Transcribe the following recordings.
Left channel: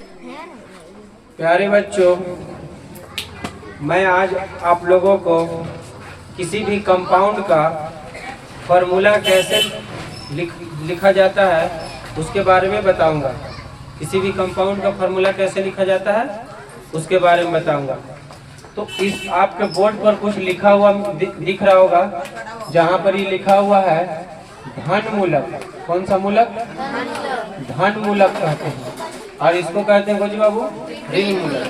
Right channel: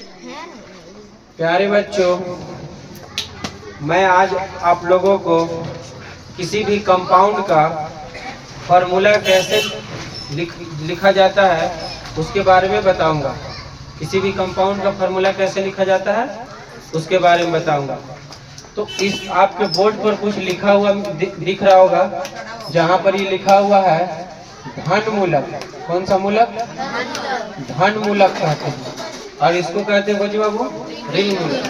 प्यारे बच्चों, मैं आज आप लोगों को किसी भी कंपाउंड का फॉर्मूला कैसे लिखा जाता है उसके बारे में बताऊंगा। किसी भी कंपाउंड का फॉर्मूला कैसे लिखा जाता है उसके बारे में बताऊंगा। तो इस आपके बोर्ड पर कुछ लिखा हुआ दिख रहा होगा, जहाँ पर ये लिखा हुआ है धन मूलक। कौन सा मूलक? धन मूलक कहते हैं। और इसको कहते हैं बच्चों बाबू ऋण मूलक।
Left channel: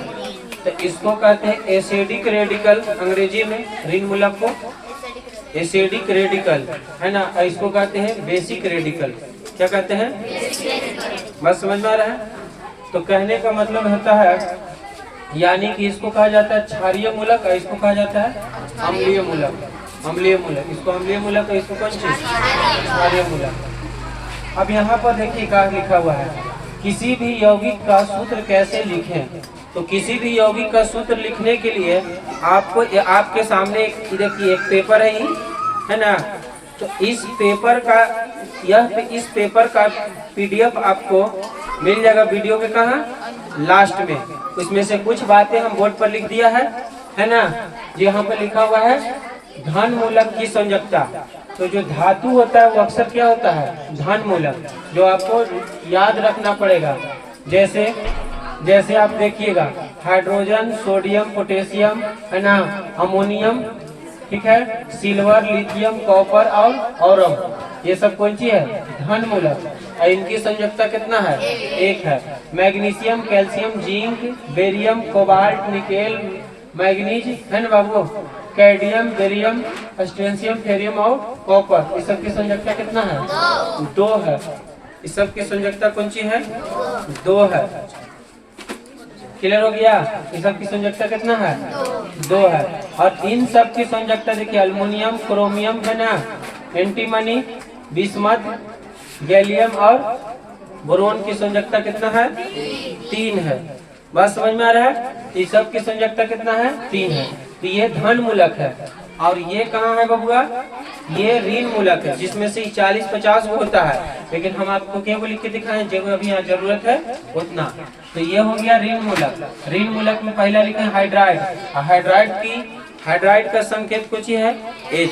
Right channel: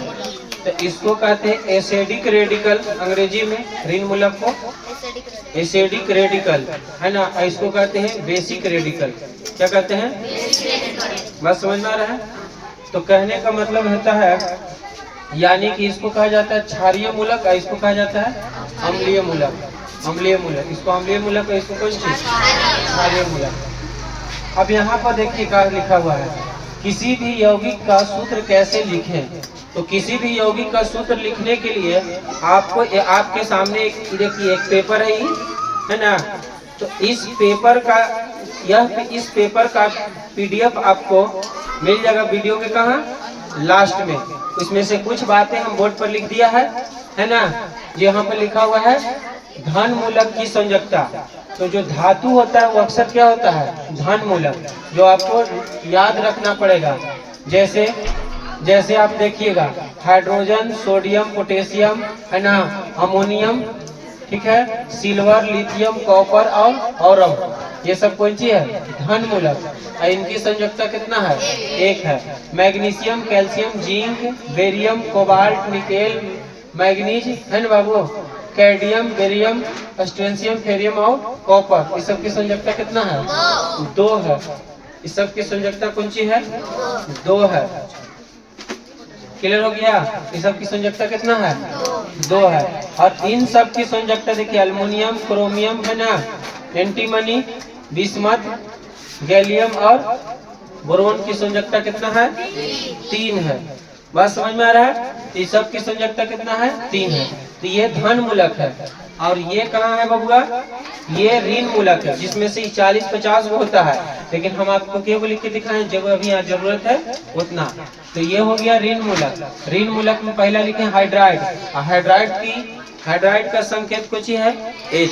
तो इसको कहते हैं एसिडिक रेडिकल, अंग्रेजी में ऋण मूलक को एसिडिक रेडिकल है ना। इसको कहते हैं बेसिक रेडिकल। क्या कहते हैं? बस समझ में आ रहा है? तो कहने का मतलब होता है, यानी कि इसको कहा जाता है क्षारीय मूलक, इसको कहा जाता है अम्लीय मूलक। अम्लीय मूलक, इसको अम्लीय मूलक, इसको कौन चीज? क्षारीय मूलक। अब यहाँ पर देखिए क्या लिखा हुआ है, किसी भी यौगिक का सूत्र कैसे लिखें। तो किसी भी यौगिक का सूत्र लिखने के लिए आपको आपके सामने देखिए एक पेपर है ना। तो इस पेपर का PDF आपको मिल जाएगा वीडियो के कहाँ लास्ट में। इसमें से कुछ बातें हम बोर्ड पर लिख दिया है ना। यहाँ पर लिखा हुआ है धन मूलक की संयोजकता। तो जो धातु होता है वो अक्सर क्या होता है? धन मूलक, जो आपको याद रखना पड़ेगा। जैसे आप देखिएगा हाइड्रोजन, सोडियम, पोटेशियम है ना, अमोनियम, ठीक है, सिल्वर, लिथियम, कॉपर और औरम, ये सब कौन सी है? धन मूलक। इनकी संयोजकता कितना है? 1 है। Magnesium, calcium, zinc, barium, cobalt, nickel, manganese है ना बाबू, कैडमियम, बेरियम, स्ट्रोंशियम, फेरियम और कॉपर, इस सब की संयोजकता कितना है? 2 है। इस सब की संयोजकता कौन सी है? 2 है। क्लियर हो गया? इस सब की संयोजकता कितना है? 2 है। और इन सब की संयोजकता देखिए, अल्युमिनियम, क्रोमियम है ना, एंटीमनी, बिस्मथ, गैलियम और बोरोन की संयोजकता कितना है? 3 है। बात समझ में आ रहा है? इस सब की संयोजकता कितना है? 3 है। तो ये धन मूलक है। और ये कहाँ है बबुआ? ये ऋण मूलक है, जिसमें से 40-50 होता है, लेकिन हम आपको केवल लिख के दिखाएं जब अभी यहाँ जरूरत है उतना। तो ये हो गया ऋण मूलक। ऋण मूलक में पहला लिखे हाइड्राइड। हाइड्राइड का संकेत कुछ है H।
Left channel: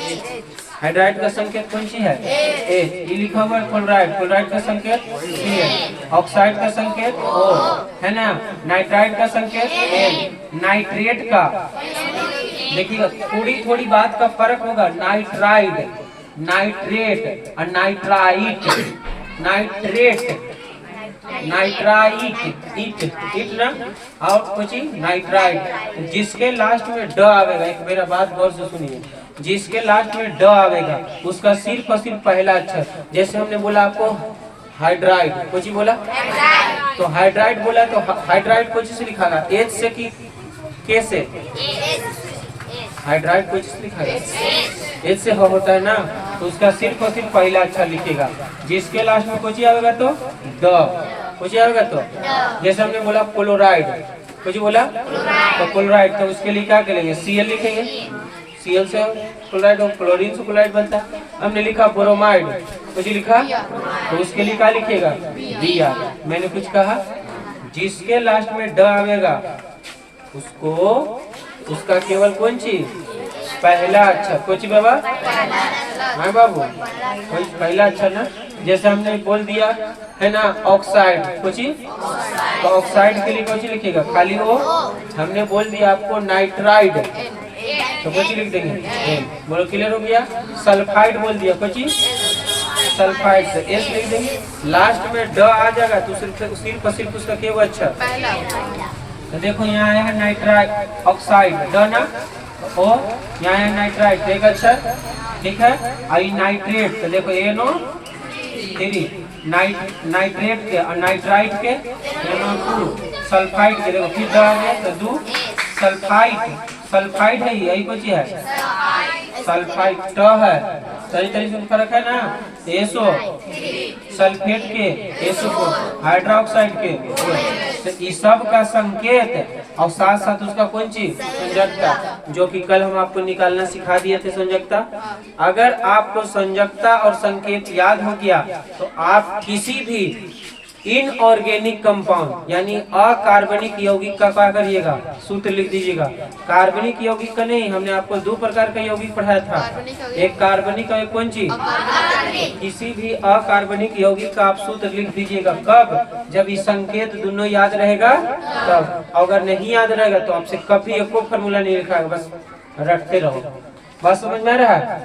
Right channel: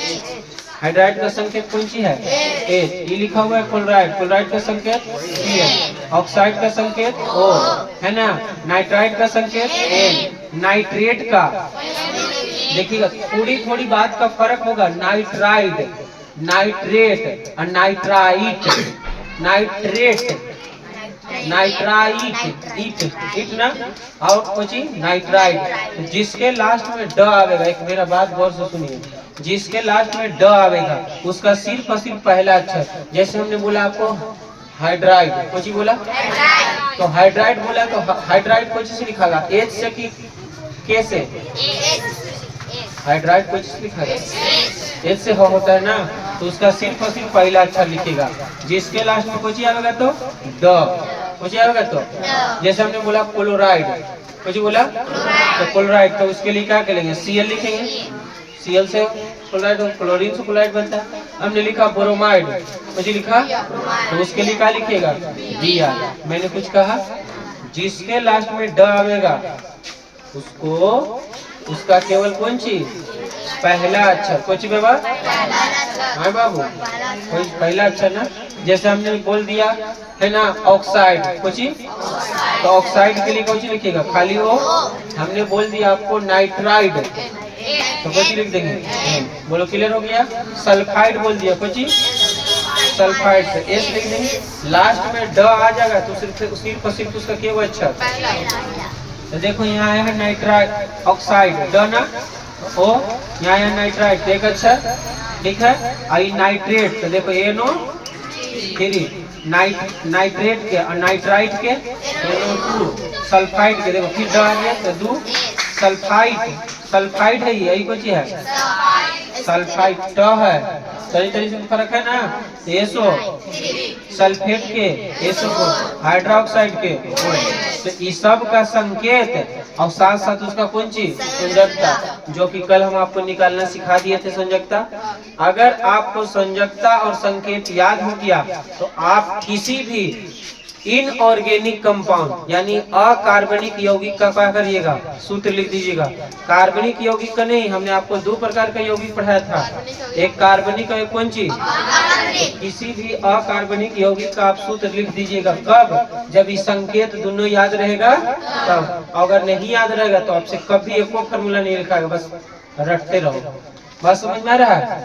हाइड्राइड का संकेत कौन सी है? H। ये लिखा हुआ है क्लोराइड। क्लोराइड का संकेत Cl। ऑक्साइड का संकेत O है ना। नाइट्राइड का संकेत N। नाइट्रेट का देखिएगा, थोड़ी बात का फर्क होगा। नाइट्राइड, नाइट्रेट और नाइट्राइट। इट ना, और कुछ नाइट्राइड। जिसके लास्ट में ड आवेगा, एक मेरा बात गौर से सुनिए, जिसके लास्ट में ड आवेगा उसका सिर्फ और सिर्फ पहला अक्षर। जैसे हमने बोला आपको हाइड्राइड, कुछ ही बोला तो हाइड्राइड बोला, तो हाइड्राइड कुछ से लिखा H से कि K से? हाइड्राइड कुछ से लिखा H से होता है ना। तो उसका सिर्फ और सिर्फ पहला अक्षर लिखेगा। जिसके लास्ट में कुछ आवेगा तो ड, कुछ आवेगा तो। जैसे हमने बोला क्लोराइड, कुछ बोला तो क्लोराइड, तो उसके लिए क्या करेंगे? Cl लिखेंगे। Cl से क्लोराइड, क्लोरीन से क्लोराइड बनता है। हमने लिखा ब्रोमाइड, कुछ लिखा तो उसके लिए क्या लिखेगा? Br। मैंने कुछ कहा, जिसके लास्ट में ड आवेगा उसका केवल कौन चीज? पहला अक्षर। कुछ बाबा? हाँ बाबू, कोई पहला अक्षर ना। जैसे हमने बोल दिया है ना ऑक्साइड, कुछ तो ऑक्साइड के लिए कुछ लिखेगा खाली वो। हमने बोल दिया आपको नाइट्राइड, तो कुछ लिख देंगे। बोलो क्लियर हो गया? सल्फाइड बोल दिया, कुछ सल्फाइड से S लिख देंगे। लास्ट में ड आ जाएगा तो सिर्फ उसका केवल अक्षर। तो देखो यहाँ आएगा नाइट्राइड, ऑक्साइड, ड ना, ओ यहाँ है नाइट्राइड, एक अक्षर ठीक है। आई नाइट्रेट, तो देखो NO3, नाइट्रेट के और नाइट्राइट के NO2, सल्फाइड के देखो फिर ड आ गया तो दू, सल्फाइड है, यही कुछ है सल्फाइड ट है। सही तरीके से फर्क है ना। एसो सल्फेट के, एसो हाइड्रोक्साइड के, तो इस सब का संकेत और साथ साथ उसका कौन चीज? संयोजकता, जो कि कल हम आपको निकालना सिखा दिए थे संयोजकता। अगर आपको संयोजकता और संकेत याद हो गया तो आप किसी भी इनऑर्गेनिक कंपाउंड यानी अकार्बनिक यौगिक का क्या करिएगा, सूत्र लिख दीजिएगा। कार्बनिक यौगिक का नहीं, हमने आपको दो प्रकार का यौगिक पढ़ाया था, एक कार्बनिक और एक कौन चीज, किसी भी अकार्बनिक यौगिक का आप सूत्र लिख दीजिएगा। कब, जब इस संकेत दोनों याद रहेगा तब। अगर नहीं याद रहेगा तो आपसे कभी एक को फॉर्मूला नहीं लिखाएगा, बस रटते रहो। बस समझ में आ रहा है,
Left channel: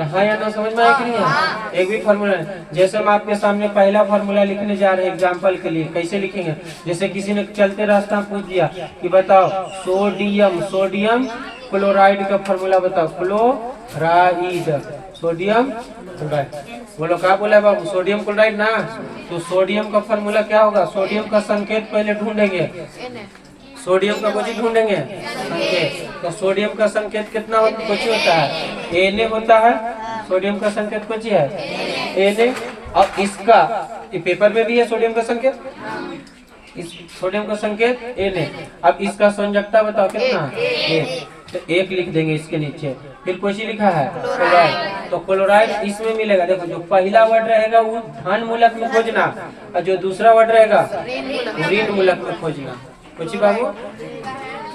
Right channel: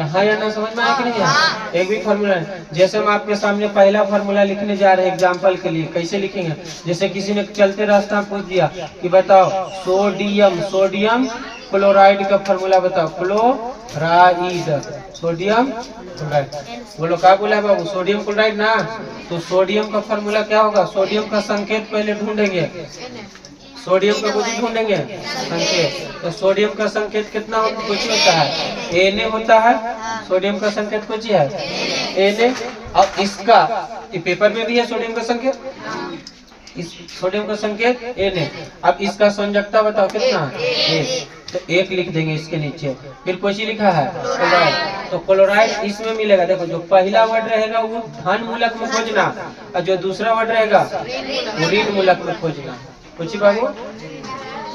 हाँ या ना, समझ में आया कि नहीं है? एक भी फॉर्मूला है, जैसे हम आपके सामने पहला फॉर्मूला लिखने जा रहे हैं एग्जाम्पल के लिए, कैसे लिखेंगे। जैसे किसी ने चलते रास्ता में पूछ दिया कि बताओ सोडियम क्लोराइड का फॉर्मूला बताओ, क्लोराइड, सोडियम क्लोराइड। बोलो क्या बोला है बाबू, सोडियम क्लोराइड ना। तो सोडियम का फॉर्मूला क्या होगा, सोडियम का संकेत पहले ढूंढेंगे, सोडियम का कुछ ढूंढेंगे संकेत। तो सोडियम का संकेत कितना कुछ होता है, Na होता है। सोडियम का संकेत कुछ है Na। और इसका पेपर में भी है सोडियम का संकेत, इस सोडियम का संकेत Na। अब इसका संयोजकता बताओ कितना है, तो एक लिख देंगे इसके नीचे। फिर कुछ लिखा है क्लोराइड, तो क्लोराइड इसमें मिलेगा। देखो जो पहला वर्ड रहेगा वो धन मूलक में खोजना, और जो दूसरा वर्ड रहेगा वो ऋण मूलक में खोजना। कुछ बाबू,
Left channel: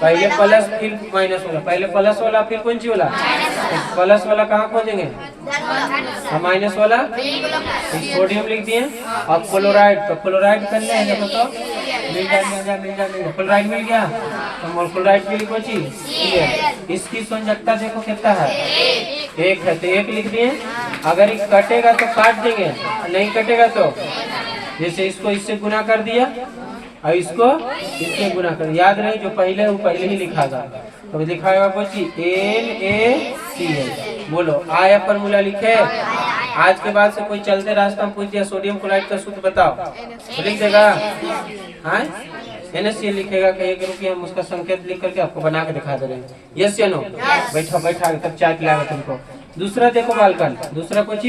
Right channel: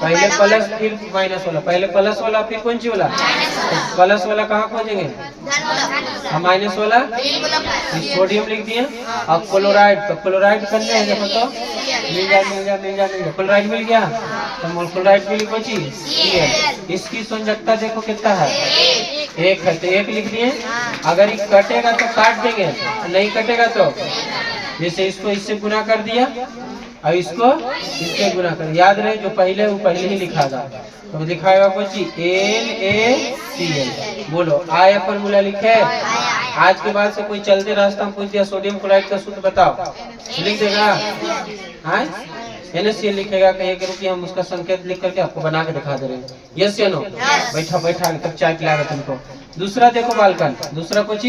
पहले प्लस फिर माइनस वाला, पहले प्लस वाला फिर कौन सी वाला, प्लस वाला कहाँ खोजेंगे, माइनस वाला। सोडियम लिख दिए, और क्लोराइड, तो क्लोराइड करना है मतलब मिल जाएगा, क्लोराइड मिल गया। तो क्लोराइड के लिए कौन चीज, इसकी संयोजकता देखो कितना है, एक है, तो एक लिख दिए। अगर ये कटेगा तो काट देंगे, नहीं कटेगा तो जैसे इसको इससे गुना कर दिया और इसको इससे गुना कर, याद रहे जो पहले है वो पहले ही लिखागा। तो लिखाएगा बच्ची NaCl। बोलो आया फॉर्मूला लिखे। आज के बाद से कोई चलते रास्ता में पूछ दिया सोडियम क्लोराइड का सूत्र बताओ, लिख देगा, NaCl लिखेगा। कहिए कि हम उसका संकेत लिख करके आपको बना के दिखा दे रहे हैं, यस या नो। बैठा तब चाय पिलाएगा तुमको। दूसरा देखो बालकन, दूसरा कुछ,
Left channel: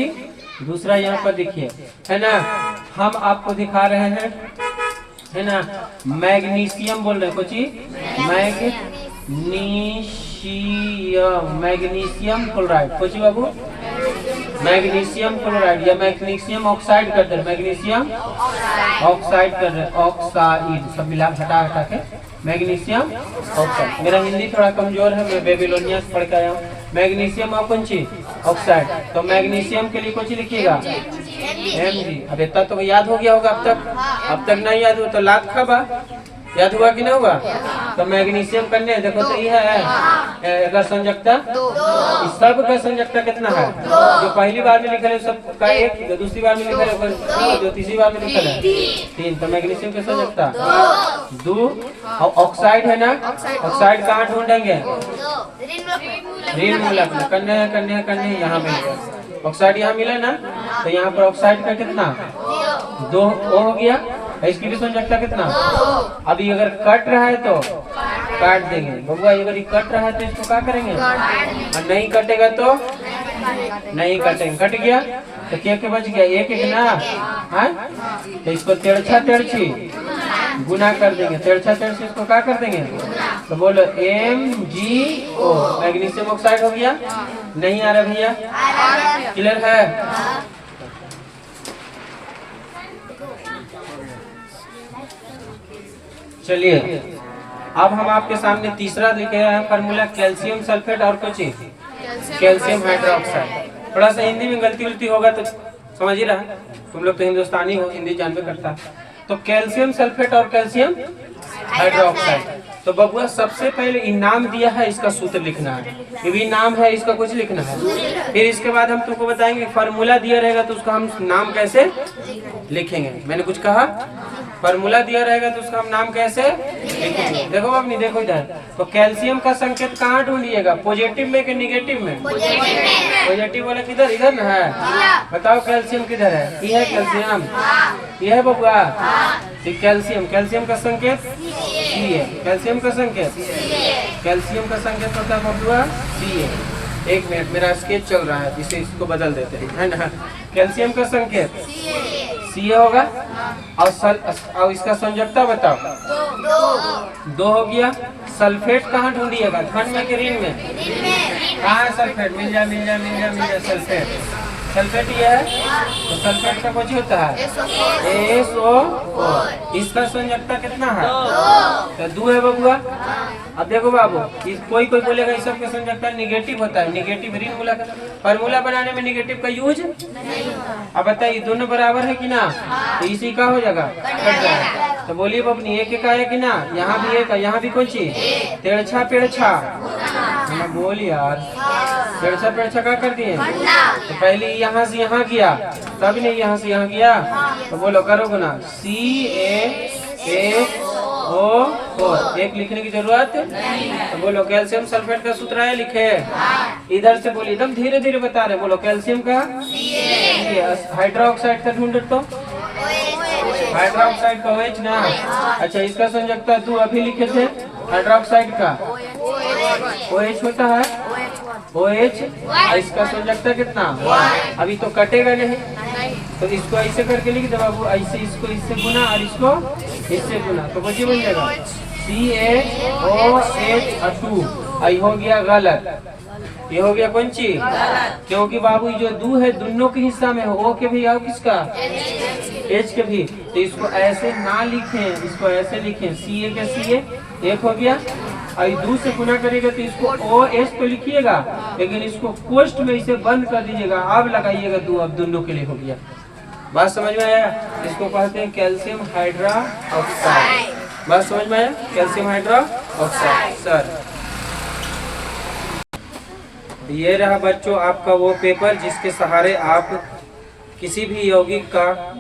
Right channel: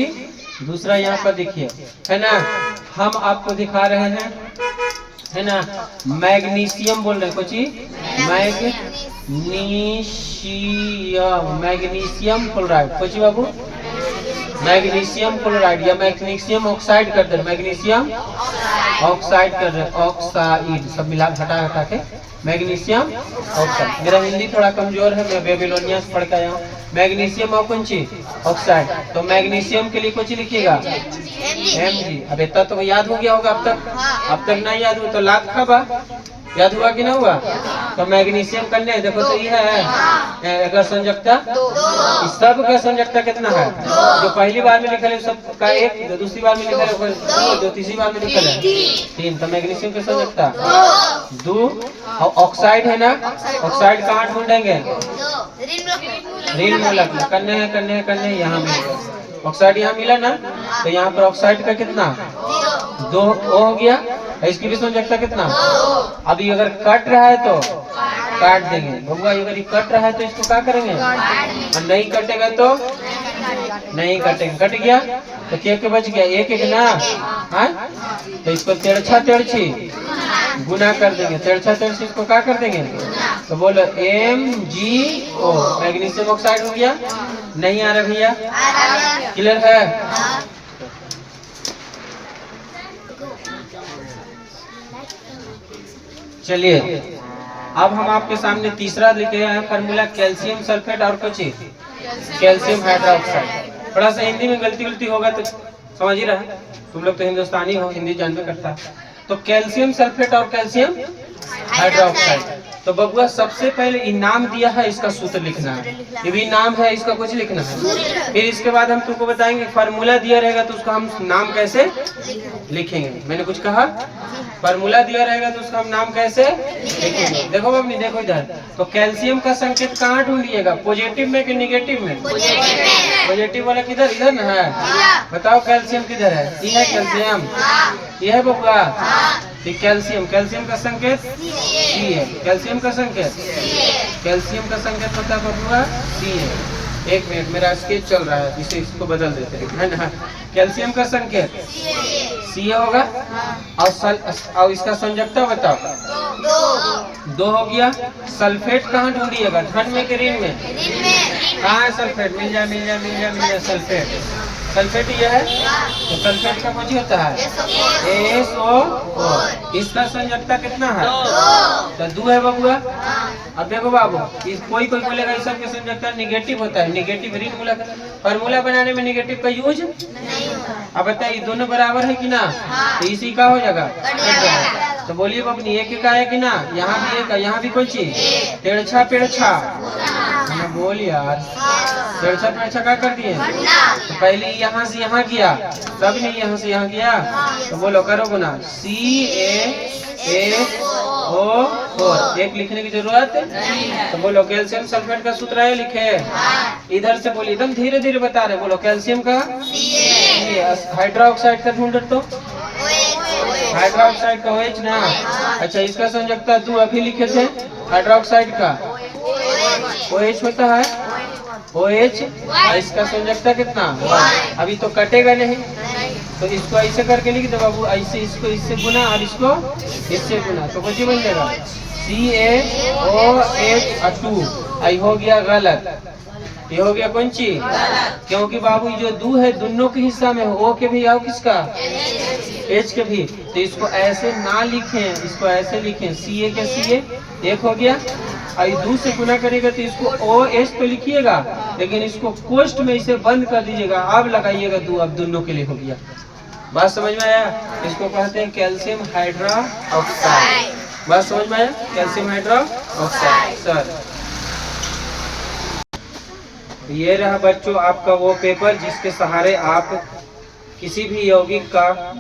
दूसरा यहाँ पर देखिए, है ना, हम आपको दिखा रहे हैं, है ना, मैग्नीशियम बोल रहे कुछ, मैग्नीशियम क्लोराइड। कुछ बाबू, मैग्नीशियम क्लोराइड या मैग्नीशियम ऑक्साइड कर दे, मैग्नीशियम ऑक्साइड कर रहे, ऑक्साइड सब मिला हटा के मैग्नीशियम ऑक्साइड। मेरा हिंदी थोड़ा कमजोर है, मैं बेबीलोनिया से पढ़ के आया हूँ। मैग्नीशियम और कौन सी ऑक्साइड, तो मैग्नीशियम के लिए कुछ लिखिएगा Mg। अब इतना तो याद हो गया होगा, अब तक नहीं याद हुआ तो लात खाबा, याद हुआ कि ना हुआ। तो मैग्नीशियम करने देखो, तो यह है अगर संयोजकता, इस सब का संयोजकता कितना है, जो पहली बार में लिखा है सब का एक, जो दूसरी बार में लिखा है, जो तीसरी बार में लिखा है 3। तो मैग्नीशियम की संयोजकता 2। और ऑक्साइड है ना, ऑक्साइड कहाँ ढूंढेंगे, ऋण मूलक में। करने यहाँ मिलेगा ऑक्साइड, यहाँ मिला ना, तो यहाँ पर ऑक्साइड का कितना 2 हो गया। इसकी भी संयोजकता कितना, अभी अगर कट रहा है तो काट देंगे बबुआ, अगर ये कट रहा है तो इसको क्या करेंगे, और नहीं कटेगा तो नहीं कटेंगे। कट गया तो क्या के बच गया, एक ना, हाँ, तो इसको तिरछी गुना कर देंगे, तिरछी इसको क्या कर देंगे, तो बोलो MgO, मैग्नीशियम ऑक्साइड हो गया। नहीं आ रहा भैया, क्लियर है। चलिए अब हम आपके सामने तीसरा लिखे हैं फॉर्मूला, कैल्शियम सल्फेट और कुछ कैल्शियम हाइड्रोक्साइड। थोड़ा सा हिंदी में गलती होगा तो समझ ही रहा है, तुम लोग तो हिंदुस्तानी हो, हिंदी जानवे करता है। तो कैल्शियम सल्फेट और कैल्शियम हाइड्रोक्साइड। तो बबुआ सबसे पहले इनाम दिया है, इसका सूत्र लिखना है, ये भी नाम है, इसका कुछ लिखना है। फिर इसके बाद हम तुमको बताएंगे फार्मूला दिया रहेगा तो उसका हम नाम कैसे लिखेंगे। मैंने कुछ कहा, फार्मूला दिया रहेगा तो उसका हम नाम कैसे लिखेंगे। देखो बाबू, देखो इधर, तो कैल्शियम का संकेत कहाँ ढूंढिएगा, पॉजिटिव में कि निगेटिव में, पॉजिटिव वाला किधर, इधर ना है, बताओ कैल्शियम किधर है, ये है कैल्शियम, ये है बबुआ, कैल्शियम का संकेत C है, कैल्शियम का संकेत पता बबुआ C है। एक मिनट, मेरा स्केच चल रहा है, इसे इसको बदल देते हैं, है ना। कैल्शियम का संकेत C होगा, और इसका संयोजकता बताओ 2 हो गया। सल्फेट कहाँ ढूंढिएगा, धन में कि ऋण में, कहाँ है सल्फेट, मिल जा सल्फेट, सल्फेट ये है, तो सल्फेट का कुछ होता है SO4। इसका संयोजकता कितना है? तो 2 है बबुआ। अब देखो बाबू, कोई बोलेगा इस सब के संयोजकता नेगेटिव होता है, नेगेटिव रिंग फार्मूला बनाने में नेगेटिव का यूज। अब बताइए दोनों बराबर है कि ना? तो इसी का हो जाएगा कट जाएगा। तो बोलिए बबनी एक है कि ना? यहाँ भी एक है, यहाँ भी कोई चीज पेड़छा पेड़छा बोल यार, पेड़छा पेड़छा क्या कर दिए? तो पहले यहाँ से यहाँ किया, तब नहीं यहाँ से यहाँ किया, तो बोलो करो गुना CaSO4। एक लिखने की जरूरत नहीं। तो बोलो कैल्शियम सल्फेट का सूत्र है, लिखे इधर से बोलिए, एकदम धीरे धीरे बता रहे। बोलो कैल्शियम का हाइड्रोक्साइड का ढूंढ तो हाइड्रोक्साइड का OH ना। अच्छा इसका संयोजकता 2 अभी लिखे थे। हाइड्रोक्साइड का OH होता है OH, इसका संयोजकता कितना? 1। अभी तो कटेगा नहीं, तो इसको ऐसे करके लिख दो बाबू, ऐसे इसको इससे गुना और इसको इससे गुना, तो कुछ बन जाएगा CaOH2। आई हो गया गलत, ये हो गया कौन चीज? क्योंकि बाबू जो 2 है दोनों के हिस्सा में O के भी और किसका H के भी, तो इसको ऐसे ना लिखें, इसको ऐसे लिखें Ca के Ca एक हो गया, और 2 से गुना करेगा तो इसको OH तो लिखिएगा, लेकिन इसको कोष्ठ में इसे बंद कर दीजिएगा, अब लगाइएगा 2, अब दोनों के लिए हो गया। बात समझ में आया? इसको कहते हैं कैल्शियम हाइड्रोक्साइड। बात समझ में आया? Calcium hydroxide. सर ये रहा बच्चों आपका वो पेपर जिसके सहारे आप किसी भी यौगिक का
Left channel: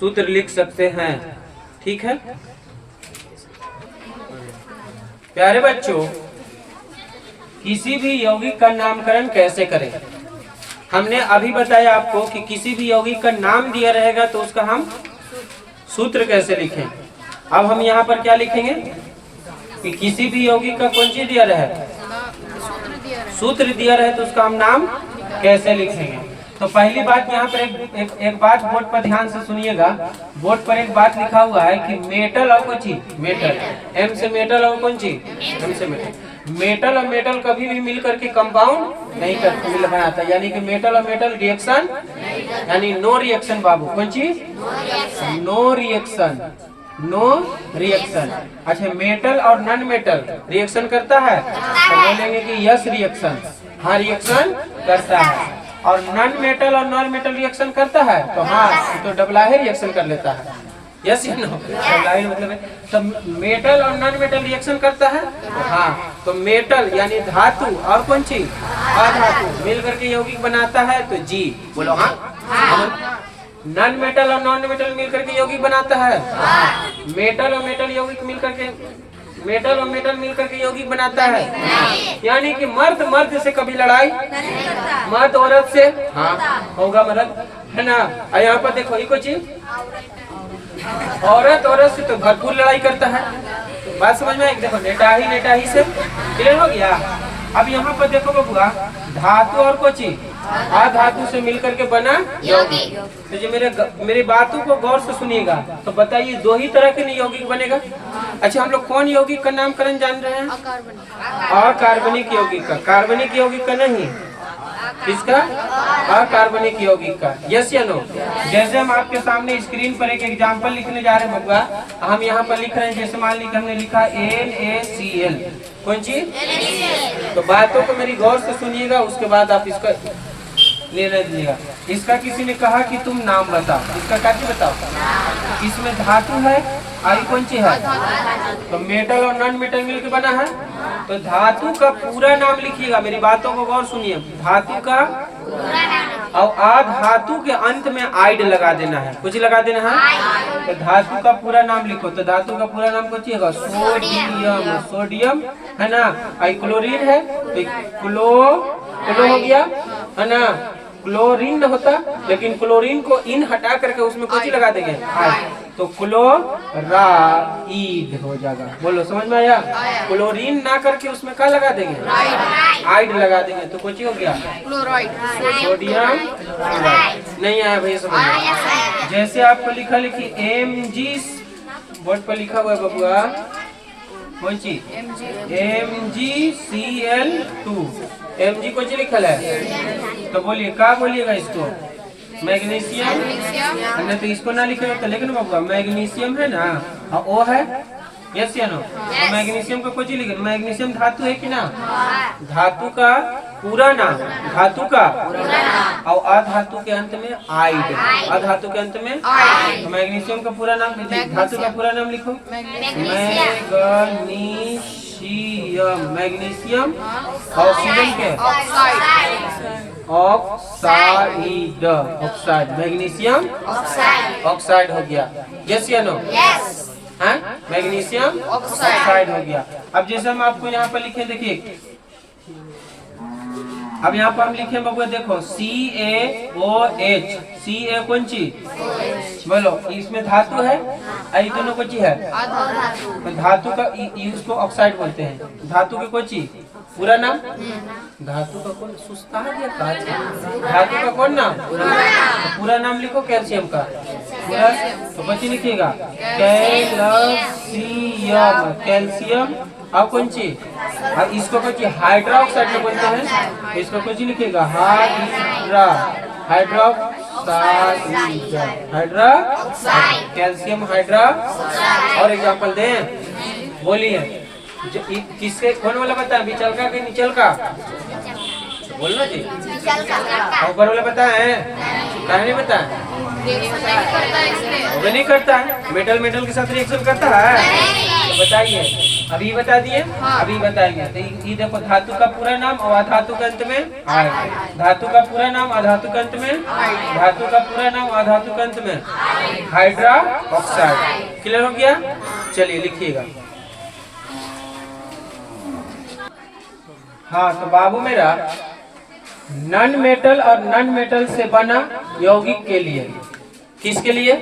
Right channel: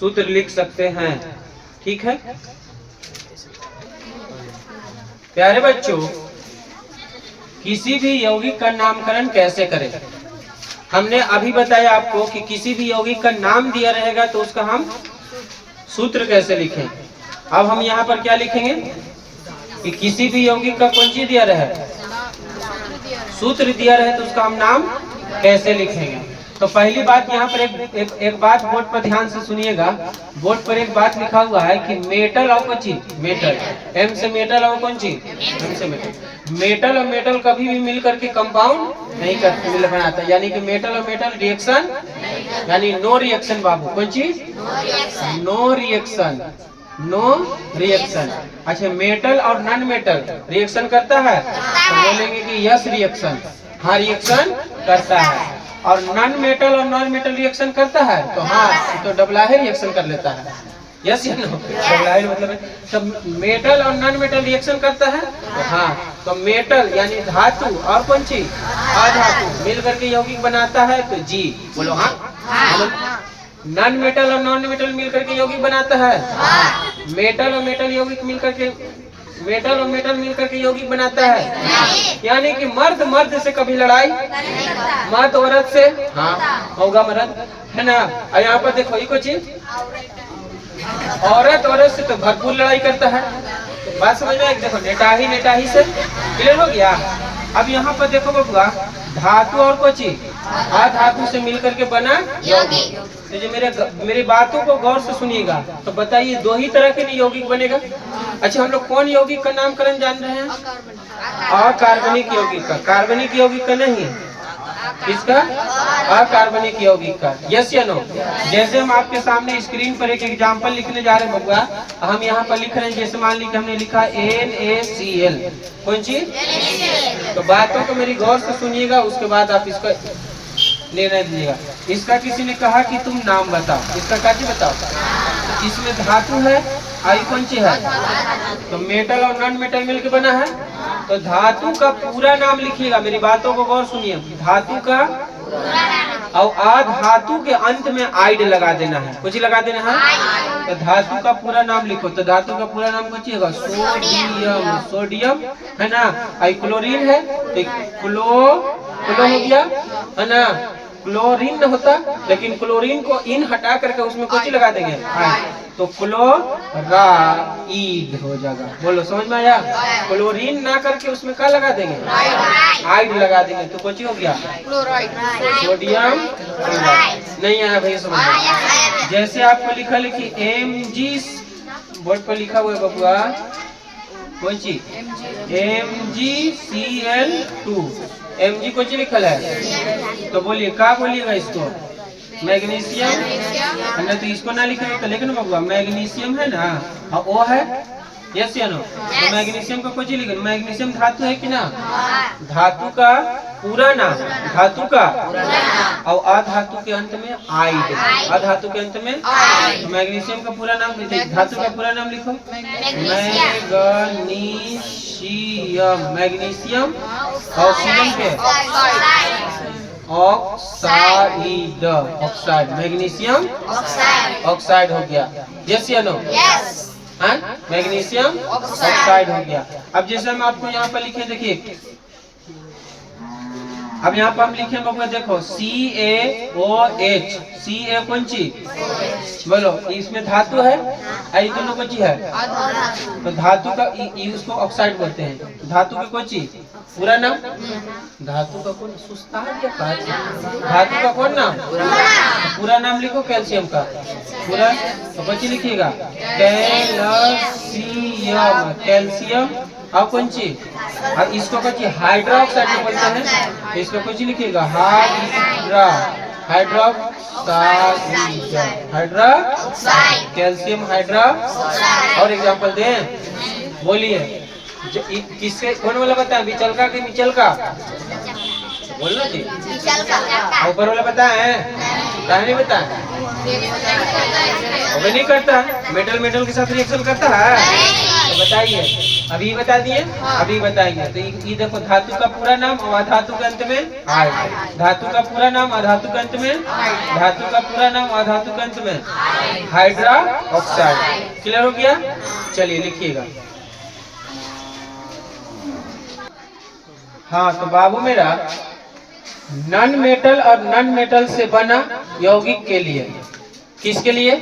सूत्र लिख सकते हैं। ठीक है प्यारे बच्चों, किसी भी यौगिक का नामकरण कैसे करें? हमने अभी बताया आपको कि किसी भी यौगिक का नाम दिया रहेगा तो उसका हम सूत्र कैसे लिखें। अब हम यहाँ पर क्या लिखेंगे कि किसी भी यौगिक का कौन चीज दिया रहे, सूत्र दिया रहे, तो उसका हम नाम कैसे लिखेंगे। तो पहली बात यहाँ पर एक बात बोर्ड पर ध्यान से सुनिएगा। बोर्ड पर एक बात लिखा हुआ है कि मेटल और कौन चीज, मेटल, M से मेटल और कौन चीज, M से मेटल। मेटल और मेटल कभी भी मिल करके कंपाउंड नहीं करते, मिल बनाता, यानी कि मेटल और मेटल रिएक्शन, यानी नो रिएक्शन बाबू, कौन चीज, नो रिएक्शन, नो रिएक्शन। अच्छा मेटल और नॉन मेटल रिएक्शन करता है, तो बोलेंगे कि यस रिएक्शन, हाँ रिएक्शन करता है। और नॉन मेटल और नॉन मेटल रिएक्शन करता है, तो हाँ तो डबल ही रिएक्शन कर लेता है, यस या नो, डबल मतलब सब मेटल और नॉन मेटल रिएक्शन करता है, तो हाँ तो मेटल यानी धातु और कौन चीज, अधातु मिल करके यौगिक बनाता है, तो जी बोलो हाँ। नॉन मेटल और नॉन मेटल मिलकर के यौगिक बनाता है, मेटल और मेटल यौगिक मिलकर के, मेटल और मेटल मिलकर के यौगिक बनाता है। यानी कि मर्द मर्द से कभी लड़ाई, मर्द औरत से हाँ होगा मर्द, है ना। और यहाँ पर देखो एक चीज, औरत औरत से तो भरपूर लड़ाई करता है। तो बात समझ में आएगी? देखो नेटाही से क्लियर हो गया। अब यहाँ पर देखो बबुआ, धातु और कोई चीज धातु से मिलकर के बना यौगिक। तो जो मेरे बातों को गौर से सुनिएगा, तो बताइए 2 ही तरह के यौगिक बनेगा। अच्छा हम लोग कौन यौगिक का नामकरण जान रहे हैं? अकार्बनिक यौगिक का, कार्बनिक यौगिक का नहीं, किसका? अकार्बनिक यौगिक का, यस या नो। जैसे हम आपके सामने स्क्रीन पर एक एग्जांपल लिखने जा रहे हैं बबुआ, हम यहाँ पर लिख रहे हैं, जैसे मान लीजिए हमने लिखा NaCl, कौन चीज? तो बातों को मेरी गौर से सुनिएगा, उसके बाद आप इसका लेना दीजिएगा। इसका किसी ने कहा कि तुम नाम बताओ, इसका क्या बताओ, इसमें धातु है, आई कौन सी है, तो मेटल और नॉन मेटल मिलकर बना है। तो धातु का पूरा नाम लिखिएगा, मेरी बातों को गौर सुनिए, धातु का और अधातु के अंत में आइड लगा देना है, कुछ लगा देना है। तो धातु का पूरा नाम लिखो, तो धातु का पूरा नाम कुछ है, सोडियम, सोडियम है ना। आई क्लोरीन है, तो क्लो हो गया है ना, क्लोरीन न होता, लेकिन क्लोरीन को इन हटा करके उसमें कुछ लगा देंगे, तो क्लोराइड हो जाएगा। बोलो समझ में आया? क्लोरीन ना करके उसमें क्या लगा देंगे, आइड लगा देंगे, तो कुछ हो गया सोडियम नहीं आया भाई समझ में। जैसे आपको लिखा लिखी Mg, बोर्ड पर लिखा हुआ है बबुआ कौन सी MgCl2। Mg कौन सी लिखल है, तो बोलिए क्या बोलिएगा इसको, मैग्नीशियम। हमने तो इसको ना लिखे तो लेकिन बबुआ मैग्नीशियम है ना, और वो है यस या नो। तो मैग्नीशियम का कुछ लिखे, मैग्नीशियम धातु है कि ना, धातु का पूरा नाम, धातु का और अधातु के अंत में आइड, अधातु के अंत में। तो मैग्नीशियम का पूरा नाम लिखिए, धातु का पूरा नाम लिखो मैग्नीशियम। मैग्नीशियम ऑक्सीजन के ऑक्साइड, ऑक्साइड मैग्नीशियम ऑक्साइड हो गया, यस या नो। हाँ मैग्नीशियम ऑक्साइड हो गया। अब जैसे हम आपको यहाँ पर लिखे, देखिए अब यहाँ पर हम लिखे बबुआ, देखो CaOH, Ca कौन चीज बोलो, इसमें धातु है, दोनों को चीज है, तो धातु का उसको ऑक्साइड बोलते हैं। धातु के कोई चीज पूरा नाम, धातु का कौन सुस्ता है, धातु का कौन नाम, पूरा नाम लिखो कैल्शियम का पूरा, तो बच्चे लिखिएगा कैल्शियम, कैल्शियम। और कौन चीज, और इसको कुछ हाइड्रोक्साइड में बोलते हैं, तो इसको कुछ लिखिएगा हाइड्रोक्साइड, कैल्शियम हाइड्रोक्साइड। और एग्जांपल दें, बोलिए किससे, कौन वाला बता, बिचल का कि निचल का, बोलना जी, ऊपर वाला बता है, क्या नहीं बता, वो नहीं करता, मेटल मेटल के साथ रिएक्शन करता है, तो बताइए, अभी बता दिए, अभी बताएंगे। तो ये देखो धातु का पूरा नाम और अधातु के अंत में आइड, धातु का पूरा नाम अधातु के अंत में, धातु का पूरा नाम अधातु के अंत में हाइड्रा ऑक्साइड। क्लियर हो गया, चलिए लिखिएगा। हाँ तो बाबू मेरा, नॉन मेटल और नॉन मेटल से बना यौगिक के लिए, किसके लिए,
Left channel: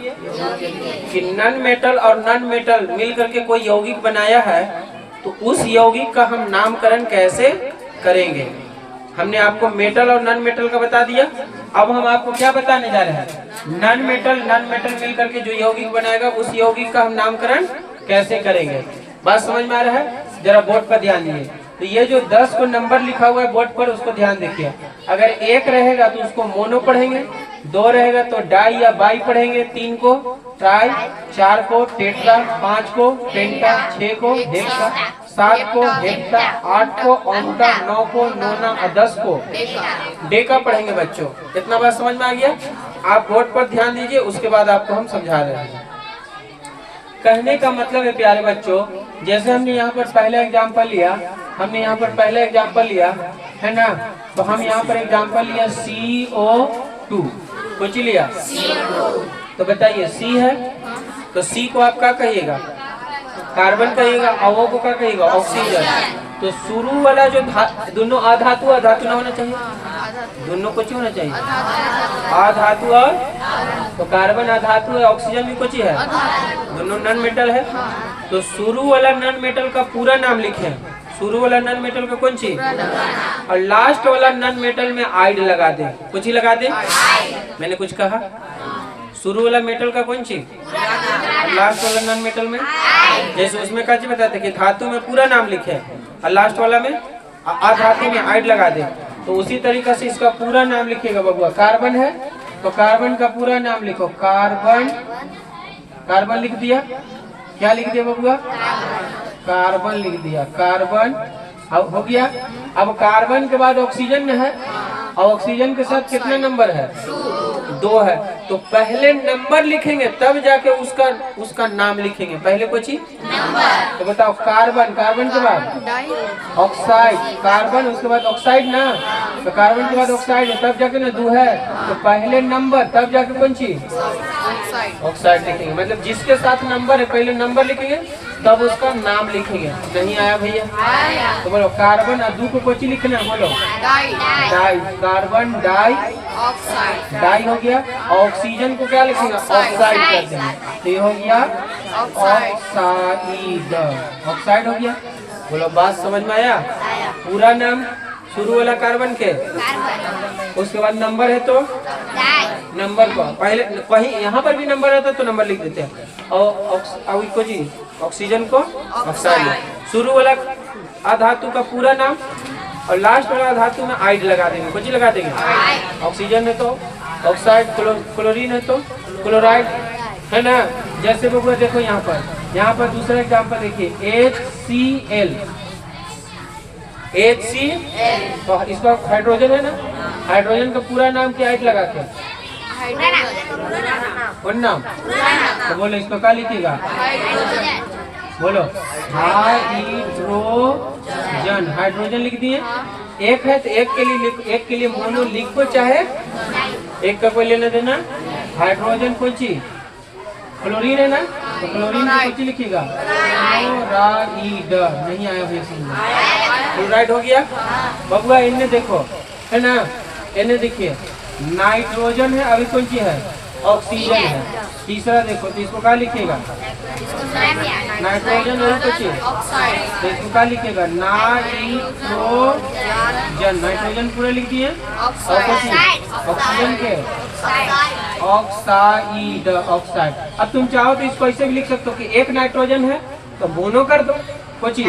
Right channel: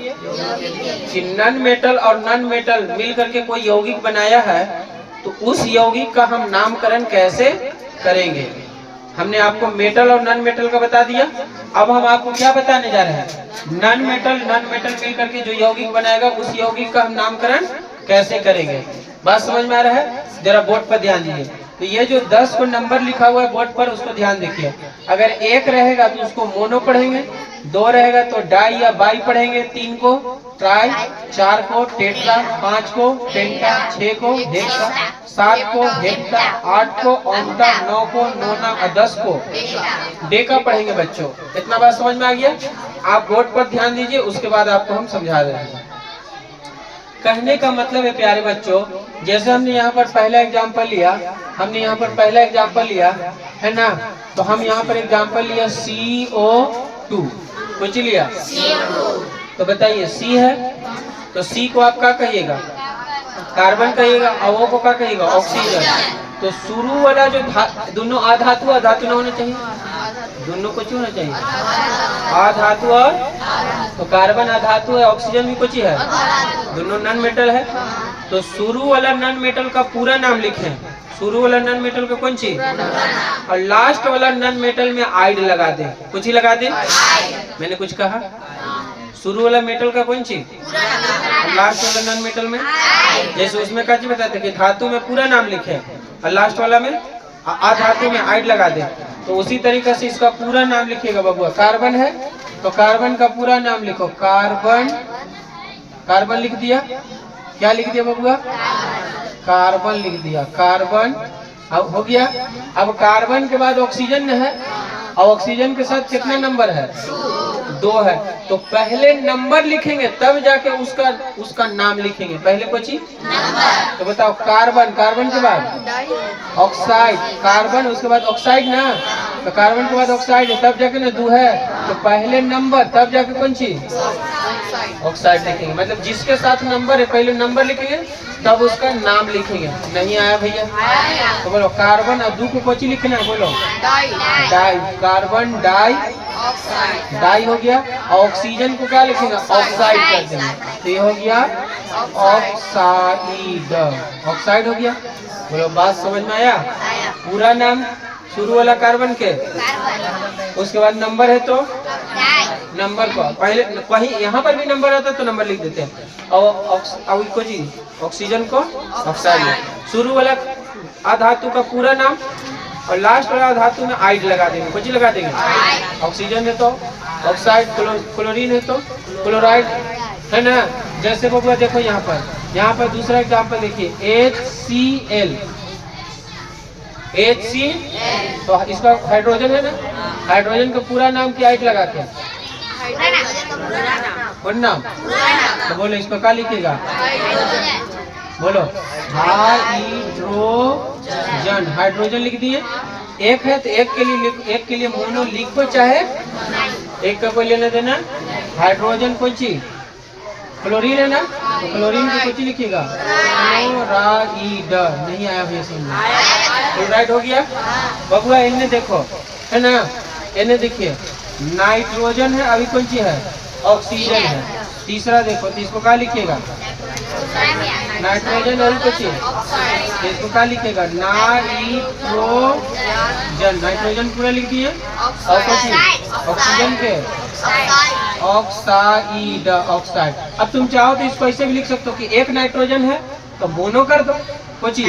कि नॉन मेटल और नॉन मेटल मिलकर के कोई यौगिक बनाया है, तो उस यौगिक का हम नामकरण कैसे करेंगे। हमने आपको मेटल और नॉन मेटल का बता दिया, अब हम आपको क्या बताने जा रहे हैं, नॉन मेटल मिलकर के जो यौगिक बनाएगा उस यौगिक का हम नामकरण कैसे करेंगे। बात समझ में आ रहा है, जरा बोर्ड पर ध्यान दीजिए। तो ये जो 10 को नंबर लिखा हुआ है बोर्ड पर, उसको ध्यान देखिए। अगर 1 रहेगा तो उसको मोनो पढ़ेंगे, 2 रहेगा तो डाई या बाई पढ़ेंगे, 3 को ट्राई, 4 को टेट्रा, 5 को पेंटा, 6 को हेक्सा, 7 को हेप्टा, 8 को ऑक्टा, 9 को नोना और 10 को डेका पढ़ेंगे बच्चों। इतना बात समझ में आ गया। आप बोर्ड पर ध्यान दीजिए, उसके बाद आपको हम समझा रहे हैं। कहने का मतलब है प्यारे बच्चों, जैसे हमने यहाँ पर पहला एग्जाम्पल लिया, है ना, तो हम यहाँ पर एग्जाम्पल लिया CO2, कुछ लिया तो बताइए C है, तो C को आप क्या कहिएगा, कार्बन कहिएगा, और O को क्या कहिएगा, ऑक्सीजन। तो शुरू वाला जो दोनों अधातु ना होना चाहिए, दोनों कुछ होना चाहिए, अधातु और, तो कार्बन अधातु है, ऑक्सीजन भी कुछ है, दोनों नॉन मेटल है। तो शुरू वाला नॉन मेटल का पूरा नाम लिखें, शुरू वाला नॉन मेटल का कौन चीज, और लास्ट वाला नॉन मेटल में आइड लगा दे, कुछ ही लगा दे, मैंने कुछ कहा, शुरू वाला मेटल का कौन चीज, लास्ट वाला नॉन मेटल में, जैसे उसमें क्या चीज बताते कि धातु में पूरा नाम लिखे और लास्ट वाला में अधातु में आइड लगा दे, तो उसी तरीके से इसका पूरा नाम लिखिएगा बबुआ। कार्बन है तो कार्बन का पूरा नाम लिखो, कार्बन, कार्बन लिख दिया, क्या लिख दिया बबुआ, कार्बन लिख दिया, कार्बन। अब हो गया। अब कार्बन के बाद ऑक्सीजन है, और ऑक्सीजन के साथ कितना नंबर है, 2 है, तो पहले नंबर लिखेंगे तब जाके उसका नाम लिखेंगे, पहले कुछ ही नंबर। तो बताओ कार्बन, कार्बन के बाद ऑक्साइड, कार्बन उसके बाद ऑक्साइड ना, तो कार्बन के बाद ऑक्साइड है तब जाके ना 2 है, तो पहले नंबर तब जाके कौन चीज, ऑक्साइड लिखेंगे। मतलब जिसके साथ नंबर है पहले नंबर लिखेंगे तब उसका नाम लिखेंगे। नहीं आया भैया, तो बोलो कार्बन और 2 को कुछ ही लिखना है, बोलो डाई, कार्बन डाई, डाई हो गया। ऑक्सीजन को क्या लिखेंगे, ऑक्साइड कर देंगे, तो ये हो गया ऑक्साइड, ऑक्साइड हो गया। बोलो बात समझ में आया। पूरा नाम शुरू वाला कार्बन के, उसके बाद नंबर है तो नंबर को पहले कहीं यहाँ पर भी नंबर आता तो नंबर लिख देते हैं। और को जी ऑक्सीजन को ऑक्साइड, शुरू वाला अधातु का पूरा नाम और लास्ट वाला धातु में आइड लगा देंगे। कुछ लगा देंगे, ऑक्सीजन है तो ऑक्साइड, क्लोरीन है तो क्लोराइड, है ना। जैसे बबुआ देखो यहाँ पर दूसरा एग्जाम्पल देखिए HCl, तो इसका हाइड्रोजन है ना, हाइड्रोजन का पूरा नाम क्या है लगा के, कौन नाम, तो बोलो इसको क्या लिखेगा, बोलो हाइड्रोजन, हाइड्रोजन लिख दिए। एक है तो एक के लिए मोनो लिखो, चाहे एक का कोई लेना देना। हाइड्रोजन कोई चीज, क्लोरीन है ना, तो क्लोरीन को कुछ लिखेगा क्लोराइड, नहीं आया भैया सुनना, क्लोराइड हो गया। बबुआ इन्हें देखो, है ना, इन्हें देखिए नाइट्रोजन है, अभी कौन सी है, ऑक्सीजन है। तीसरा देखो तो इसको क्या लिखेगा, नाइट्रोजन और कुछ, तो इसको क्या लिखेगा, नाइट्रोजन, नाइट्रोजन पूरा लिख दिए। और कुछ ऑक्सीजन के ऑक्साइड, ऑक्साइड। अब तुम चाहो तो इसको ऐसे भी लिख सकते हो कि एक नाइट्रोजन है तो मोनो कर दो, कुछ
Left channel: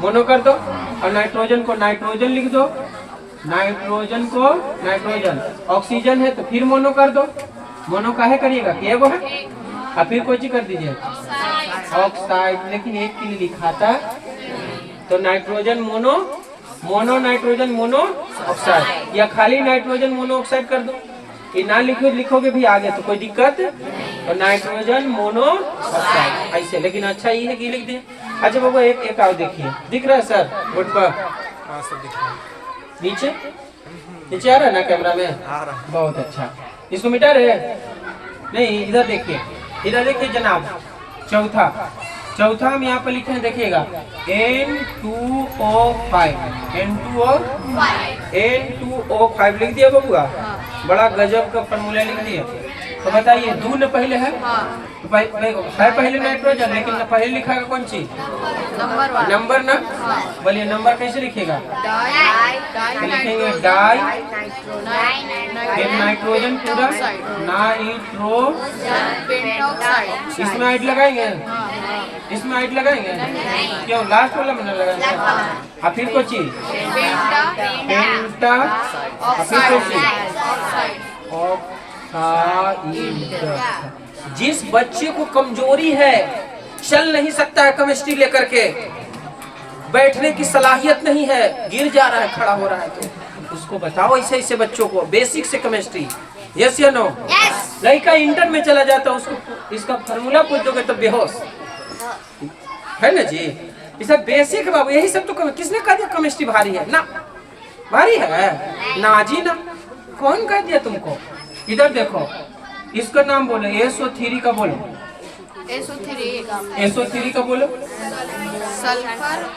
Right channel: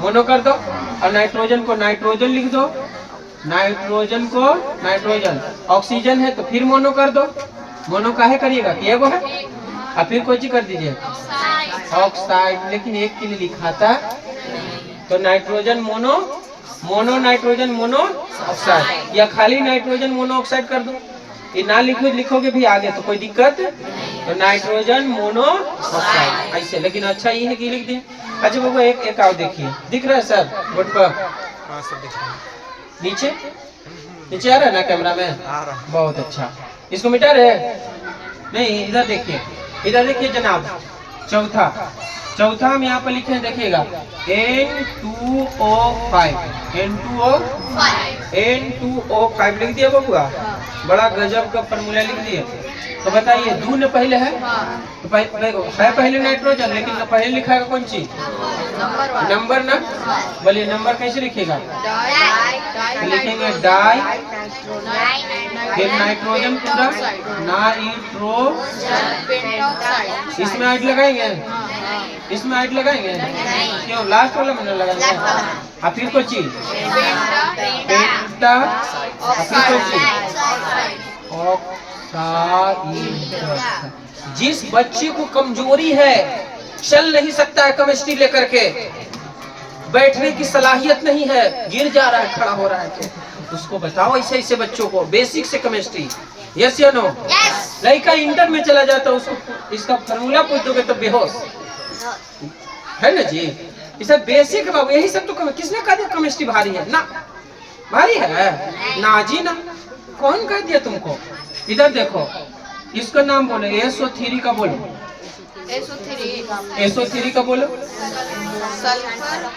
मोनो कर दो, और नाइट्रोजन को नाइट्रोजन लिख दो, नाइट्रोजन को नाइट्रोजन। ऑक्सीजन है तो फिर मोनो कर दो, मोनो काहे करिएगा कि वो है, और फिर कोई चीज कर दीजिए ऑक्साइड, लेकिन एक के लिए लिखा था तो nitrogen mono, mono nitrogen mono oxide, या खाली नाइट्रोजन मोनो ऑक्साइड कर दो। ये ना लिखोगे भी आगे तो कोई दिक्कत, तो नाइट्रोजन मोनो ऑक्साइड ऐसे, लेकिन अच्छा ये है कि लिख दिए। अच्छा बाबू एक और देखिए, दिख रहा है सर बोर्ड पर, हाँ सब दिख रहा है, नीचे नीचे आ रहा है ना कैमरा में, आ रहा है। बहुत अच्छा। इसको मिटा रहे नहीं, इधर देखिए, इधर देखिए जनाब। चौथा हम यहाँ पर लिखे हैं, देखिएगा N2O5 लिख दिया बबुआ, बड़ा गजब का फॉर्मूला लिख दिया। तो बताइए दू न पहले है, तो है पहले नाइट्रोजन, लेकिन न पहले लिखा है कौन चीज, नंबर ना। बोलिए नंबर कैसे लिखेगा, तो लिखेंगे डाई, फिर नाइट्रोजन पूरा नाइट्रो, इसमें आइड लगाएंगे, इसमें आइड लगाएंगे क्यों, लास्ट वाला में लगाएंगे। और फिर कोई चीज पेंटा, और फिर कोई चीज ऑक्साइड। जिस बच्चे को कमजोरी है, चल नहीं सकता है केमिस्ट्री लेकर के, बैठने की सलाहियत नहीं है, गिर जा रहा है, खड़ा हो रहा है, तो उसको बताओ ऐसे ऐसे बच्चों को बेसिक से केमिस्ट्री, यस या नो। लड़का इंटर में चला जाता है, उसको इसका फॉर्मूला पूछ दोगे तो बेहोश, है ना जी। ये सब बेसिक बाबू, यही सब तो किसने कहा था केमिस्ट्री भारी है, ना भारी है ना जी ना, कौन कह दिया तुमको। इधर देखो, इसका नाम बोलो, SO3 का बोलो, SO3 का बोलो,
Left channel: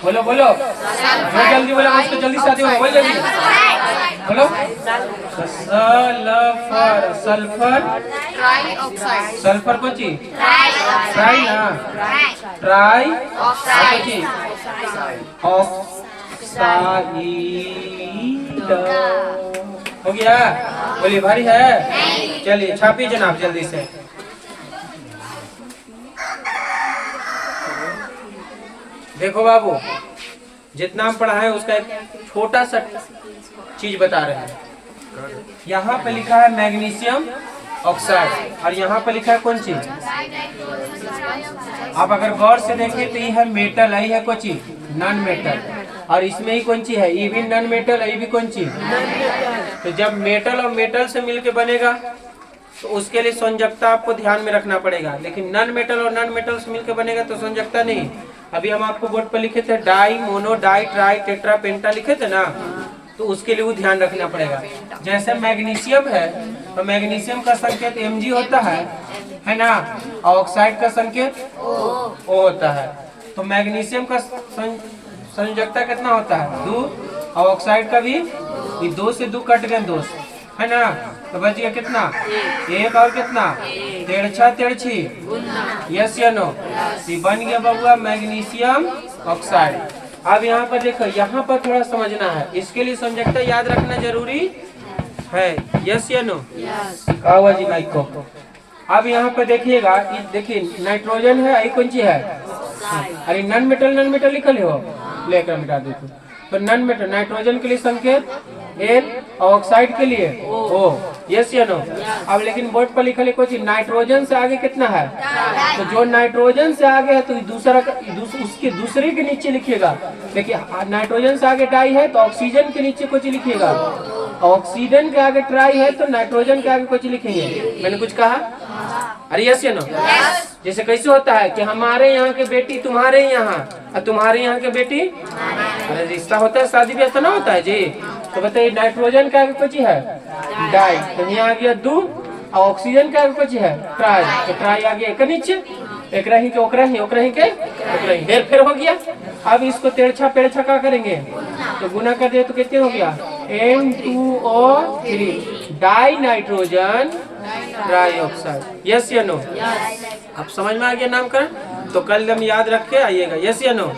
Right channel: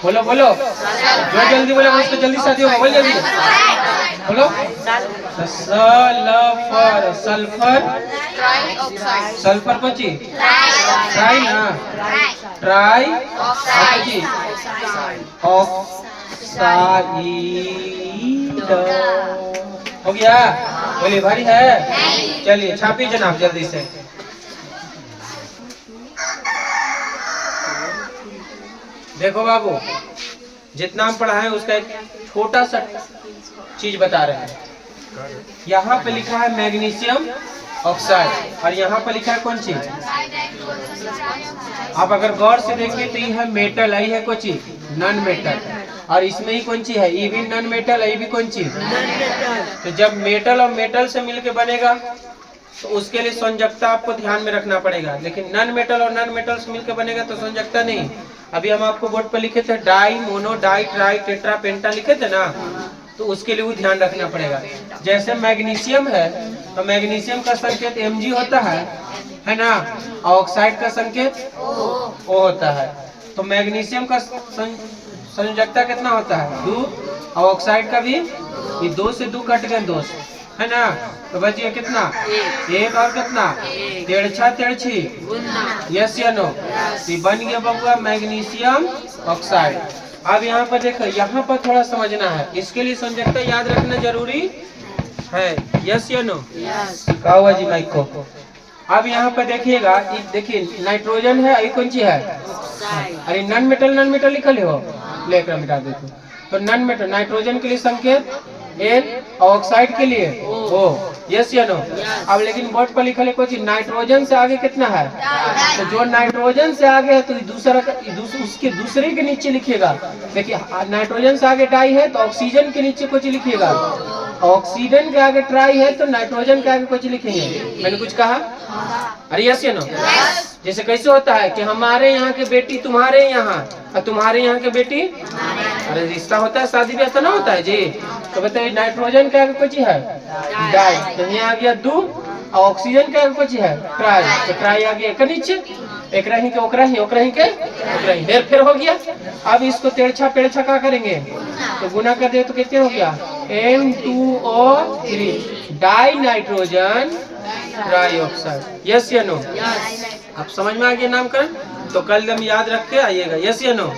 बोलो बोलो, जो जल्दी बोलो उसको जल्दी शादी हो, बोलो जल्दी बोलो। सल्फर, सल्फर, सल्फर को ची ट्राई ना, ट्राई ऑक्साइड, हो गया। बोलिए भारी है, चलिए छापिए जनाब जल्दी से। देखो बाबू, जितना हम पढ़ा है उसका एक छोटा सा चीज बता रहे हैं। यहाँ पे लिखा है मैग्नीशियम ऑक्साइड, और यहाँ पे लिखा है कौन चीज, आप अगर गौर से देखें तो ये है मेटल, यही है कौन चीज, नॉन मेटल, और इसमें ही कौन चीज है, ये भी नॉन मेटल, ये भी कौन चीज। तो जब मेटल और मेटल से मिलके बनेगा तो उसके लिए संयोजकता आपको ध्यान में रखना पड़ेगा, लेकिन नॉन मेटल और नॉन मेटल से मिलकर बनेगा तो संयोजकता नहीं। अभी हम आपको बोर्ड पर लिखे थे di, mono, di, tri, tetra, penta लिखे थे ना, तो उसके लिए वो ध्यान रखना पड़ेगा। जैसे मैग्नीशियम है तो मैग्नीशियम का संकेत Mg होता है ना, ऑक्साइड का संकेत O होता है। तो मैग्नीशियम का संयोजकता कितना होता है, 2, और ऑक्साइड का भी, ये 2 से 2 कट गए 2, है ना, तो बचिए कितना, 1 और कितना, 3 यस या नो, ये बन गया बबुआ मैग्नीशियम ऑक्साइड। अब यहाँ पर देखो, यहाँ पर थोड़ा समझना है, इसके लिए संयोजकता याद रखना जरूरी है, यस या नो? कहा हुआ जी माइक को। अब यहाँ पर देखिएगा, देखिए नाइट्रोजन है, ये कौन सी है? अरे नॉन मेटल लिखल हो, लेकर मिटा देते। तो नॉन मेटल, नाइट्रोजन के लिए संकेत N, ऑक्साइड के लिए O, यस या नो? अब लेकिन बोर्ड पर लिखल है कुछ नाइट्रोजन से आगे कितना है? तो जो नाइट्रोजन से आगे है तो दूसरा उसके दूसरे के नीचे लिखिएगा। देखिए नाइट्रोजन से आगे डाई है तो ऑक्सीजन के नीचे कुछ लिखिएगा, ऑक्सीजन के आगे ट्राई है तो नाइट्रोजन के आगे कुछ लिखेंगे। मैंने कुछ कहा? अरे यस या नो? जैसे कैसे होता है कि हमारे यहाँ के बेटी तुम्हारे यहाँ और तुम्हारे यहाँ के बेटी, अरे रिश्ता होता है, शादी ब्याह तो ना होता है जी। तो बताइए नाइट्रोजन का आगे कुछ है? डाई, तो यहाँ आ गया दू, और ऑक्सीजन का आगे कुछ है? ट्राई, तो ट्राई आ गया एक नीचे, एक रही के ओकरा ही, ओकरा ही के ओकरा ही, हेर फेर हो गया। अब इसको तेरछा पेड़छा क्या करेंगे? तो गुना कर दे तो कितने हो गया? M2O3, die nitrogen trioxide, yes या नो? अब समझ में आ गया नामकरण? तो कल हम याद रख के आइएगा, यस या नो?